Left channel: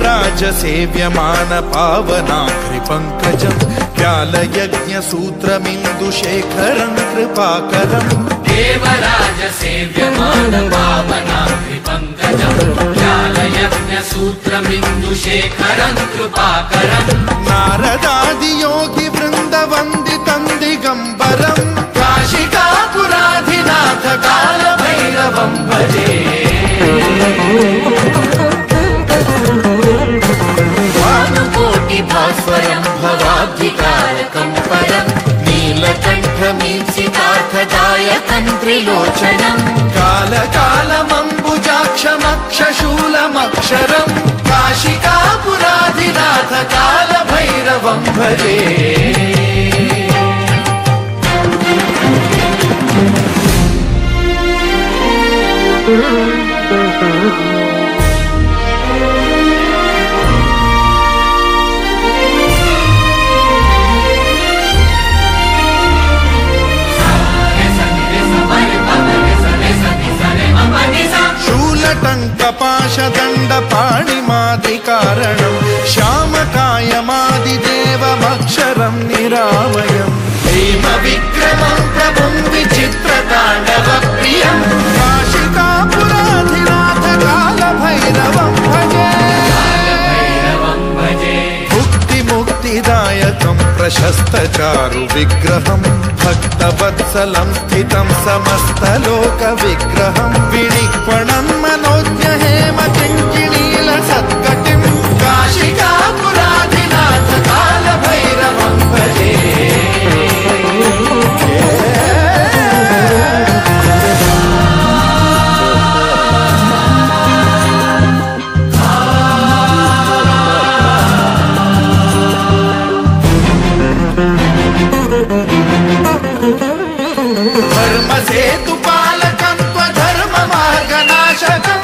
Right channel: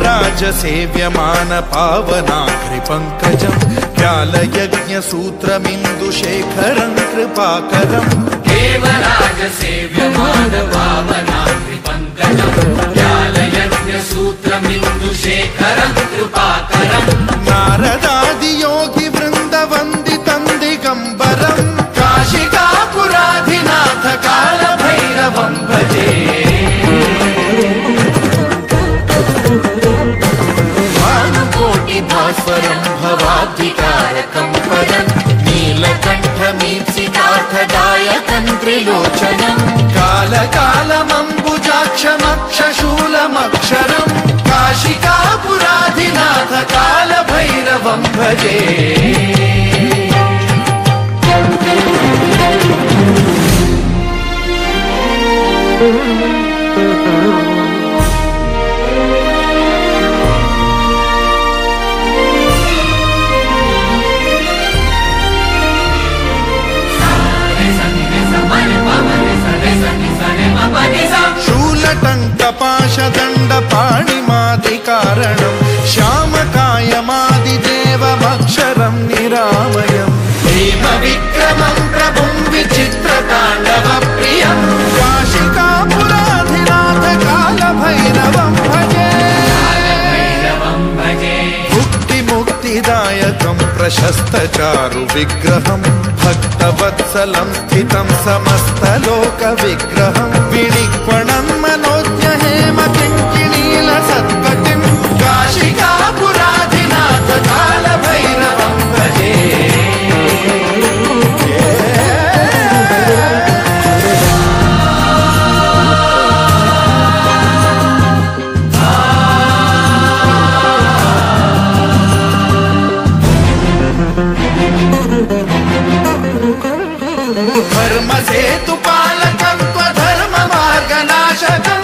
देवराज सेव्यमान पावनाग्रिपङ्कजं व्यालयज्ञसूत्रमिन्दुशेखरं कृपाकरं देवराज सेव्यमान पावनाग्रिपङ्कजं व्यालयज्ञसूत्रमिन्दुशेखरं कृपाकरं नारदादियोगि वृन्दवन्दितं दिगम्बरं काशिकापुराधिनाथ कालभैरवं भजे भास्वरं भवाब्धिकारकं परं नीलकण्ठमीप्सितार्थदायकं त्रिलोचनं कालकालमम्बुजाक्षमक्षशूलमक्षरं काशिकापुराधिनाथ कालभैरवं भजे टङ्कपाशदण्डपाणिमादिकारणं श्यामकायमादिदेवमक्षरं निरामयं हेमविक्रमं प्रभुं विचित्रताण्डवप्रियं काशिकापुराधिनाथ कालभैरवं भजे मुक्तिदायकं प्रशस्तचारु विग्रहं भक्तवत्सलं स्थितं समस्तलोकविग्रहं विनिक्वणं मनोज्ञ हेमकिङ्किणीलसत्कटिं काशिकापुराधिनाथ कालभैरवं भजे धर्मसेतुपालकं त्वधर्ममार्गनाशकम्